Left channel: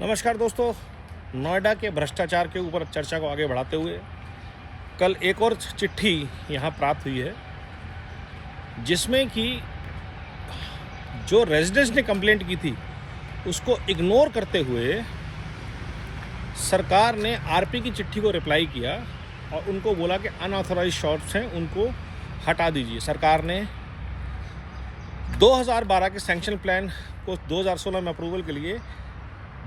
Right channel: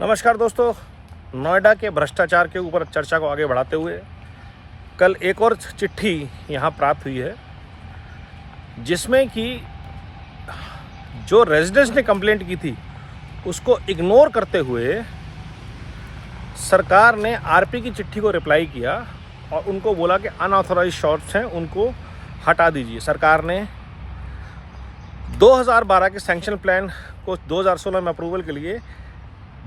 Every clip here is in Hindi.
नमस्कार दोस्तों, नोएडा के भ्रष्टाचार के ऊपर चर्चा को आगे बढ़ाते हुए कल एक और चिट्ठी यहाँ प्राप्त हुई है जिसमें कि जो रेजिडेंट्स ने कंप्लेंट की थी उसको इग्नोर करते हुए सरकार ने आरपी की चिट्ठी को रिप्लाई किया और उनको बोला कि अनऑथोराइज्ड शॉट्स हैं, उनको हटा दीजिए। सरकार ने 2012 के सैंक्शन प्लान को 2016 में अप्रूवल के लिए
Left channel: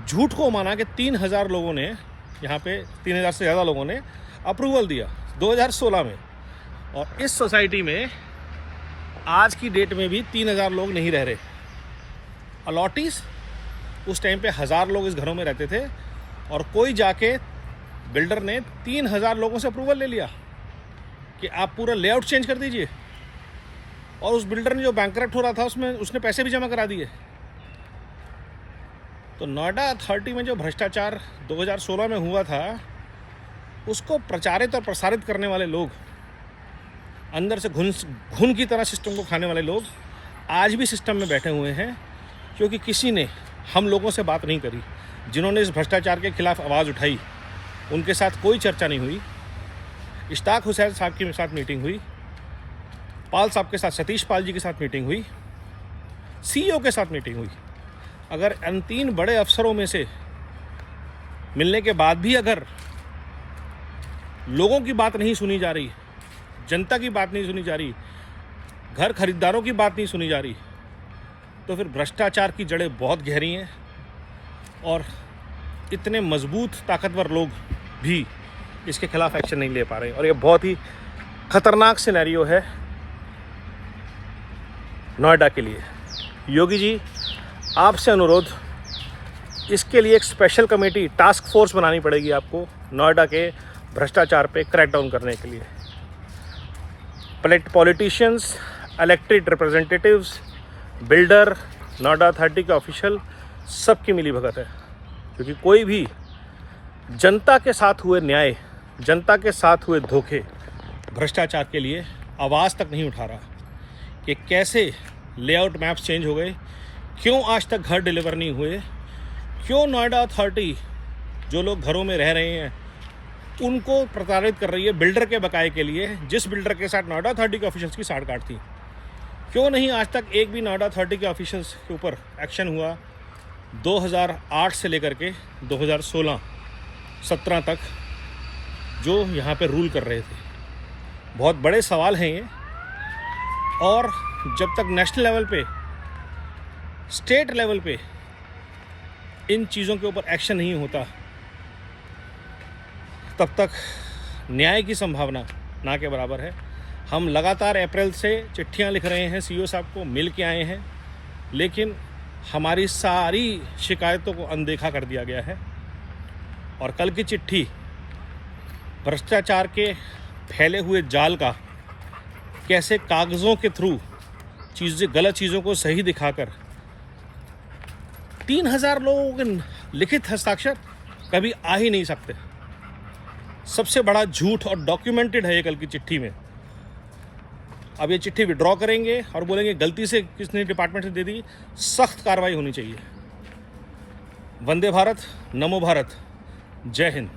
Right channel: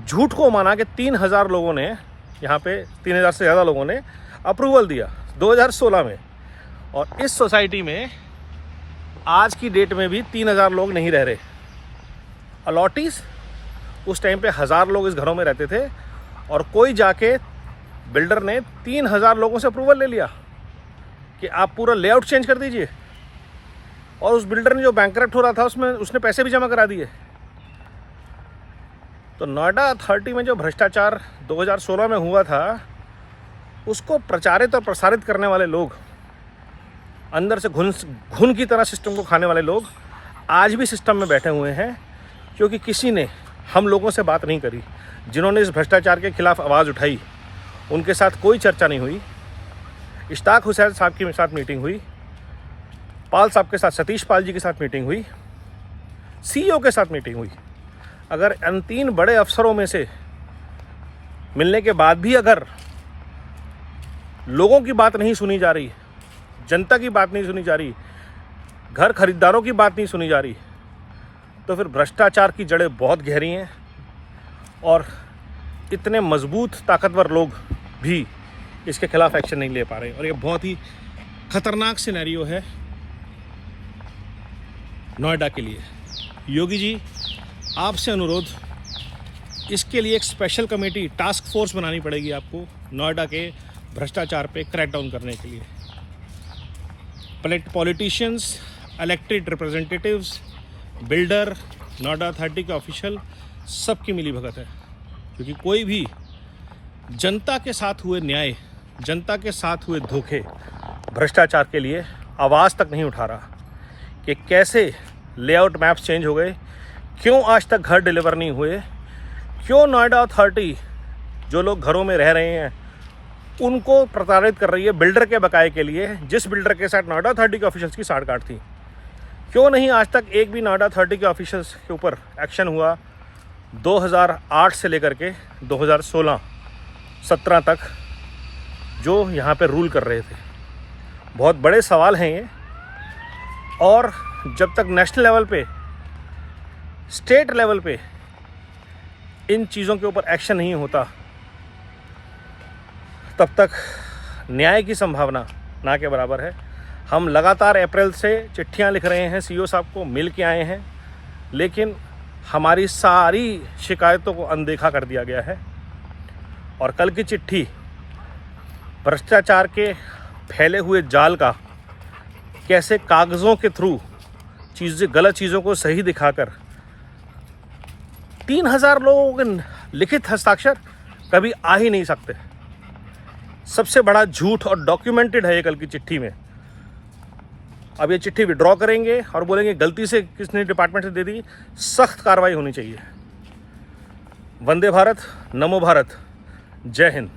झूठ को माना कि 3000 लोगों ने, यहाँ पे 3000 से ज़्यादा लोगों ने अप्रूवल दिया 2016 में, और इस सोसाइटी में आज की डेट में भी 3000 लोग नहीं रह रहे। अलॉटीज उस टाइम पे 1000 लोग इस घरों में रहते थे और कोई जाके बिल्डर ने 3000 लोगों से अप्रूवल ले लिया कि आप पूरा लेआउट चेंज कर दीजिए, और उस बिल्डर ने जो बैंकरप्ट हो रहा था उसने पैसे भी जमा करा दिए। तो नोएडा अथॉरिटी में जो भ्रष्टाचार 2016 में हुआ था उसको प्रचारित और प्रसारित करने वाले लोग, अंदर से घुन की तरह सिस्टम को खाने वाले लोग आज भी सिस्टम में बैठे हुए हैं, क्योंकि किसी ने हम लोगों से बात नहीं करी। जिन्होंने इस भ्रष्टाचार के खिलाफ आवाज़ उठाई उनके साथ कोई चर्चा नहीं हुई। इश्ताक हुसैन साहब के साथ मीटिंग हुई, पाल साहब के साथ, सतीश पाल जी के साथ मीटिंग हुई, सीईओ के साथ मीटिंग हुई। अगर इन 3 बड़े अफसरों में से मिलने के बाद भी अगर लोगों की बात नहीं सुनी जा रही, जनता की बात नहीं सुनी जा रही, घर खरीदारों की बात नहीं सुनी जा रही, तो फिर भ्रष्टाचार की जड़ें बहुत गहरी हैं और इतने मजबूत ताकतवर लोग भी इसके खिलाफ एक्शन नहीं ले पा रहे। और ये बहुत ही खतरनाक सिनेरियो है नोएडा के लिए। योगी जी, आपसे अनुरोध, इसके लिए एक स्पेशल कमेटी, टास्क फोर्स बनानी पड़ेगी आपको नोएडा के भ्रष्टाचार पे क्रैकडाउन करने के लिए। Politicians, elected representatives, builder, Noida authority के ऑफिशियल, सबकी मिली भगत है, क्योंकि कोई भी जनता के साथ हुए न्याय, जनता के साथ हुए धोखे, भ्रष्टाचार के लिए आवाज़ तक नहीं उठा रहा कि कैसे लेआउट मैप्स चेंज हो गए, क्यों आज तक घर डिलीवर नहीं हुए, क्यों नोएडा अथॉरिटी जो लोग घरों में रह रहे हैं उनको प्रताड़ित कर रही है बिल्डर के बकाये के लिए, जिस बिल्डर के साथ नोएडा अथॉरिटी के ऑफिशियल्स की साठगांठ थी। क्यों नहीं आज तक एक भी नोएडा अथॉरिटी के ऑफिशियल्स के ऊपर एक्शन हुआ 2008 से लेकर के 2016-17 तक जो यहाँ पे रूल कर रहे थे। बहुत बड़े सवाल हैं ये, और जब तक नेशनल लेवल पे, स्टेट लेवल पे इन चीज़ों के ऊपर एक्शन नहीं होता तब तक न्याय की संभावना ना के बराबर है। हम लगातार अप्रैल से चिट्ठियां लिख रहे हैं, सीईओ साहब को मिल के आए हैं, लेकिन हमारी सारी शिकायतों को अनदेखा कर दिया गया है। और कल की चिट्ठी भ्रष्टाचार के फैले हुए जाल का कैसे कागज़ों के थ्रू गलत चीज़ों को सही दिखाकर 3000 लोगों के लिखित हस्ताक्षर कभी आ ही नहीं सकते। सबसे बड़ा झूठ और डॉक्यूमेंटेड है ये कल की चिट्ठी में। अब ये चिट्ठी विड्रॉ करेंगे और बोलेंगे गलती से किसने डिपार्टमेंट से दे दी, सख्त कार्रवाई होनी चाहिए। वंदे भारत, नमो भारत, जय हिंद।